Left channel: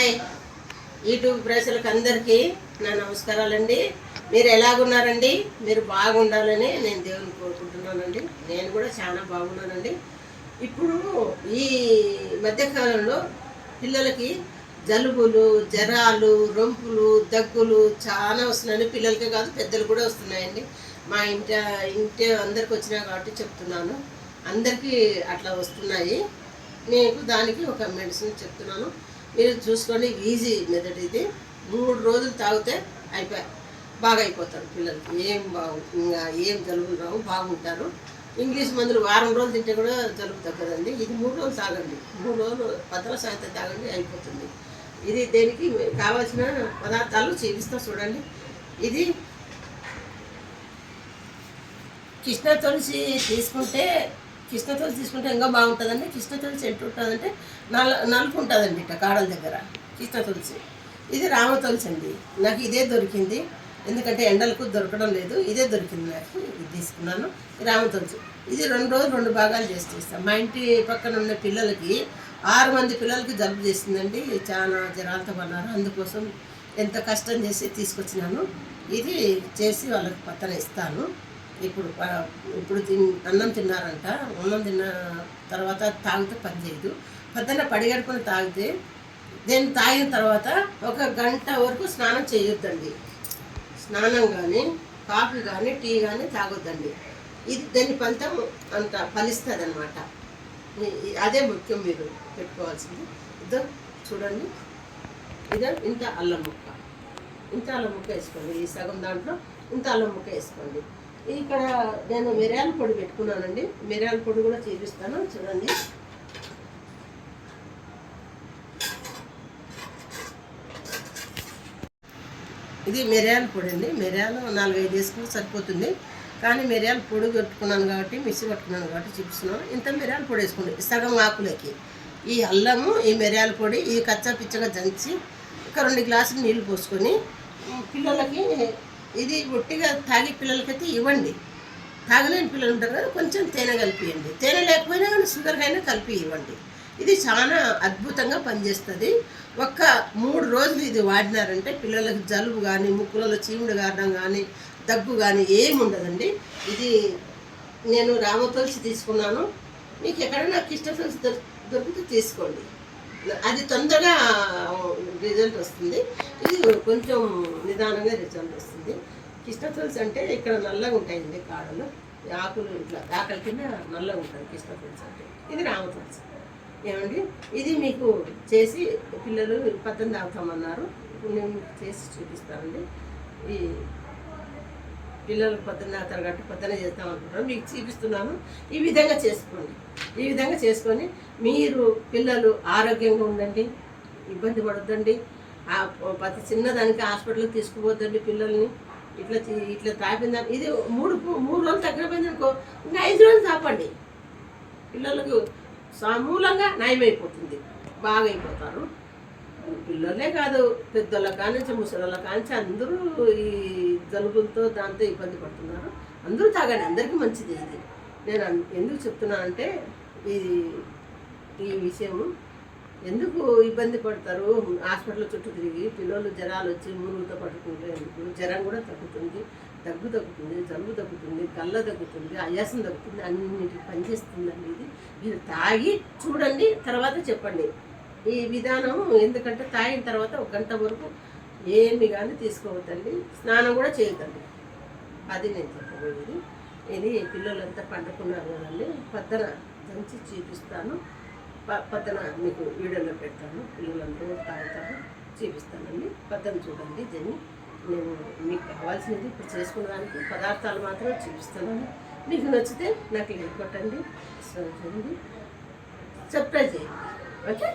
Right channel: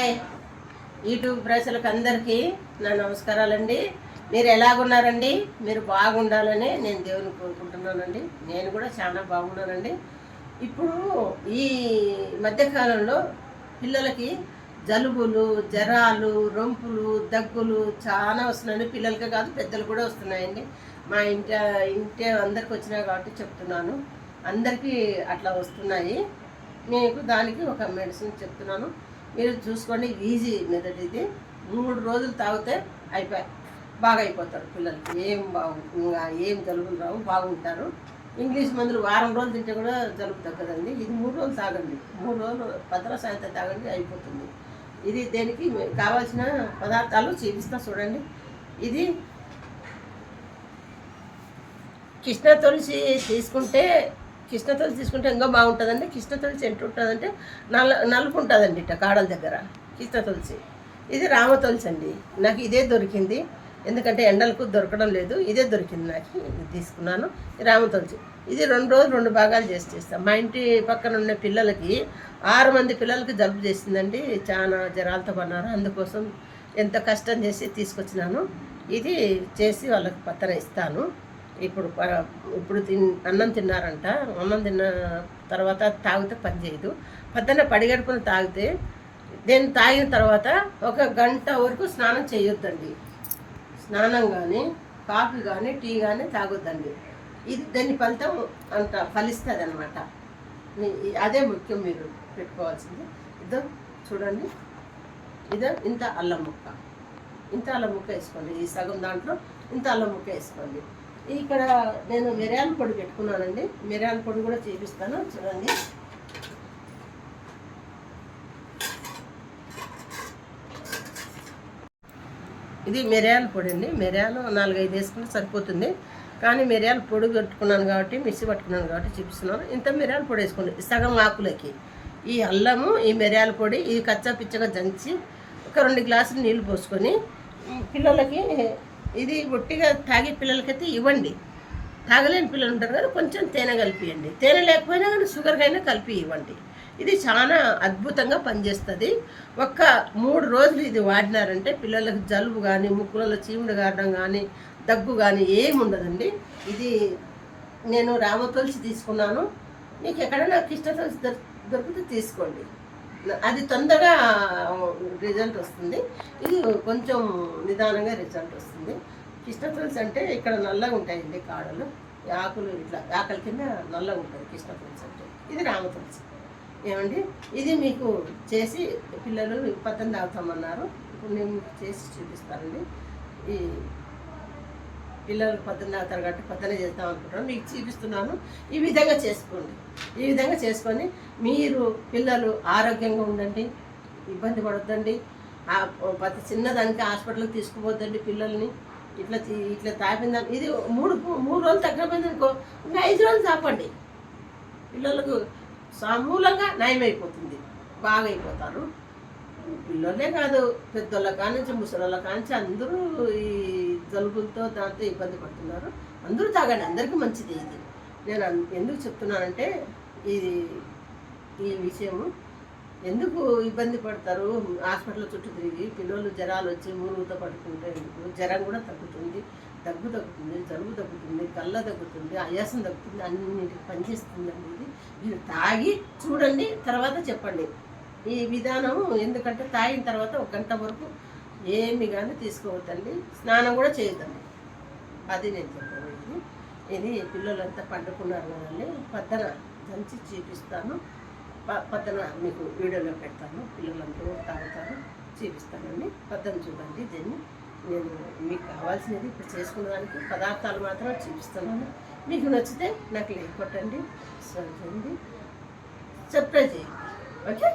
Hi YouTube ప్రజలకు అందరికీ నా నమస్కారాలండి. మీరు ఎలాగున్నారండి? మీరు బాగుండాలని నేను దేవుని కోరుకుంటున్నానండి. నేను కూడా చాలా బాగున్నానండి. ఇప్పుడు ఈ మధ్యకాలంలో పిల్లలకి జలుబులు, జ్వరాలు, రొంపులు, దగ్గులు చాలా వస్తున్నాయండి. పిల్లలకే కాదు పెద్దలు కూడా వస్తున్నాయండి. మా ఇంటి అందరికి వచ్చినాయి కాబట్టి చెప్తున్నాను. అందరికీ అట్లా వస్తున్నాయి. మీకు దానికి ఒక మెడిసిన్ చెప్తున్నాను, మీరు చూసుకోండి. ఈజీ మెథడ్ ఇది. 3 రోజులు తాగితే బాగా అయిపోతారు పిల్లలకి. ఇంకా ఏం జలుబులు రావు, బాగుంటారు. ఇంగ్లీష్ మందులు వారం రోజులు తింటే కూడా జలుబు తగ్గదండి. ఇది 3 రోజులు తాగండి. 3 రోజులు భద్ర సాయంత్రం తాగండి, అయిపోతుంది. ఇది దేనికి కావాల్సిన పదార్థాలు చూపిస్తా చూడండి. ఇది కృష్ణ తులసి తీసుకుంటే ఇంకా బాగుంటుందండి. కృష్ణ తులసి ఎంత ఉంటుందంటే నలుపు ఉంటుందండి ఇట్లా కాడల దగ్గర కృష్ణ తులసి. ఇది రామ తులసి అండి. నాకు ఇదే దొరికింది, ఎందుకంటే ఎండలకు దొరకడం లేదు. ఇదే దొరికింది నాకు, ఇది తీసుకున్నాను. రామ తులసి ఇది 2 రోజులు 2 భాగాలు చేస్తాను. మా ఇంటి పక్కన ఉన్న పిల్లలకి 6 మంది పిల్లలకి జలుబు చేసిందండి. చాలా జ్వరాలతో పన్నారు. అందుకోసం ఎంత కష్టం చేసి తీసుకొచ్చినాను. ఇది చేసి వాళ్ళకి పక్కన ఇస్తాను. ఇప్పుడు అన్నం తిన్నారంట. అన్నం తిన్న తర్వాత తాగితే పని చేయదు. పొద్దున్న పడిగడుపున తాగితే దీన్ని తాగిన తర్వాత 1 గంట వరకు స్నానం చేయొద్దండి. స్నానం కానీ కాఫీ కానీ టీ కానీ తాగొద్దండి. ఇది దాని ఫలితం అంత ఫలిస్తుంది అనమాట. అదే ముఖ్యం మీరు పెట్టుకోవాల్సింది. ఇదో చూడండి, ఇంత అల్లం ముక్క వేసుకోండి. ఈ సగం దాంట్లో ఇంత అల్లం ముక్క వేసుకోండి. ఇక్కడ నేను మిరియాల పొడి పెట్టుకున్నానండి. మిరియాల పొడి కూడా చూపిస్తాను చూడండి. ఇది మిరియాల పొడి అండి. మిరియాలు 4-5 వేసుకుని సరిపోతుంది. కానీ మిరియాల పొడి పెట్టుకున్నాను కాబట్టి, మిక్సీ పట్టుకున్నాను కాబట్టి చూపిస్తున్నాను. ఇంత మిరియాల పొడి వేసుకోండి సగం ఆకులకి. ఈ అల్లము, ఈ మిరియాల పొడి, ఇది కచ్చా పిచ్చగా దంచి ఒక 2 గ్లాసులు నీళ్లు పోసుకొని పిల్లలకి, ఇది ఒట్టిగా తాగే పిల్లలకైతే ఇవ్వండి. తాగలేని పిల్లలు ఉంటారు కదా, కొంచెం తేనె కలిపియండి. తేనె లేకపోయినా కానీ షుగర్కైనా కలిపి ఇవ్వండి. ఇది చాలా అద్భుతంగా పనిచేస్తుంది. 3 రోజులు ఇది వాడినారంటే పిల్లలకు జలుబు కానీ, ముక్కులలో చీముడు గారడం కానీ, దగ్గు కానీ ఏమి ఉండదండి. ఇది నేను రామ తులసి తీసుకున్నాను. మీకు ఎక్కడైనా కృష్ణ తులసి దొరికితే తీసుకోండి. అది తొందరగా రిజల్ట్ వస్తుంది. ఇది కొంచెం నిదానంగా రిజల్ట్ వస్తుంది. కృష్ణ తులసి అంటే ఇక్కడ నల్లగా ఉంటాయండి కాడలు, ఆకులు ఇట్లా ఆకల కింద నల్లగా ఉంటుంది కృష్ణ తులసి అంటే. ఇది రామ తులసి ఏమండి. ఇది మీకు చేసి పిల్లలు పద్దెనిమిది తాగుతామన్నారు. ఇప్పుడు నేను చేసి చూపిస్తానండి. ఈ పిల్లలు పొద్దున్న తాగుతారు కాబట్టి పొద్దున్న చేద్దాం అనుకుంటాను, మీకు చూపిస్తున్నాను. ఈ విధంగా చేసుకోండి. ఈ విధంగా చేసుకొని మీరు పిల్లలు ఆరోగ్యంగా ఉండండి, ఇబ్బంది పడొద్దండి. ప్రతి చిన్నదానికి హాస్పిటల్కి తీసుకుపోద్దండి పిల్లల్ని. ఇట్లా తాపిందా. ఇది 3 రోజులు తగ్గపోయింది అనుకో, ఇంకా 5 రోజులు తాపండి. పిల్లలకు సమూలంగా నయమైపోతుంది, బాగా అయిపోతారు. పిల్లలే కాదు, పెద్దోళ్ళ కానించి ముసలోళ్ళ కానించి అందరూ ఈ జలుబులతో దాంతో ఇబ్బంది పడుతున్నారు. అందరూ తాగండి, అందరికీ మంచిది. ఇది నేను ఎందుకు చెప్తున్నానంటే, ఈ విషయము ఎందుకు ఇబ్బంది పడతారు హాస్పిటల్ చుట్టూ తిరిగి, పిల్లలు జ్వరాలు వచ్చి మూరుగుతో పడుకుంటే ఎందుకు. జ్వరం కూడా తగ్గుతుంది, దగ్గు తగ్గుతుంది, జలుబు తగ్గుతుంది, గల్ల తగ్గుతుంది, ఆయాసం తగ్గుతుంది, అన్నింటికి పనిచేస్తుందండి. ఇది మీరు తాగి చూడండి, తర్వాత చెప్పండి ఈ విధానం. ఎందుకంటే తాగిన తర్వాత 1 గంట వరకు ఏమి కానీ తీసుకోవద్దండి, స్నానం కూడా చేయొద్దండి. అది నేను చెప్పబోయేది. ఇది పిల్లలంతా పండుకున్నారు కదండి, పొద్దున దంచి చూపిస్తాను. పొద్దున మీకు వీడియోలో పెడతాను. పిల్లలందరూ తాగుతారు, చూపిస్తానండి. పొద్దున చూడండి. దీన్ని నేను మీకు కావాల్సినది ఇప్పుడు చేసుకునేదానికి పదార్థాలు మాత్రం చూపిస్తున్నాను. మీకు నచ్చితే నాకు లైక్ కొట్టండి, సబ్స్క్రైబ్ చేయండి. ఓకే.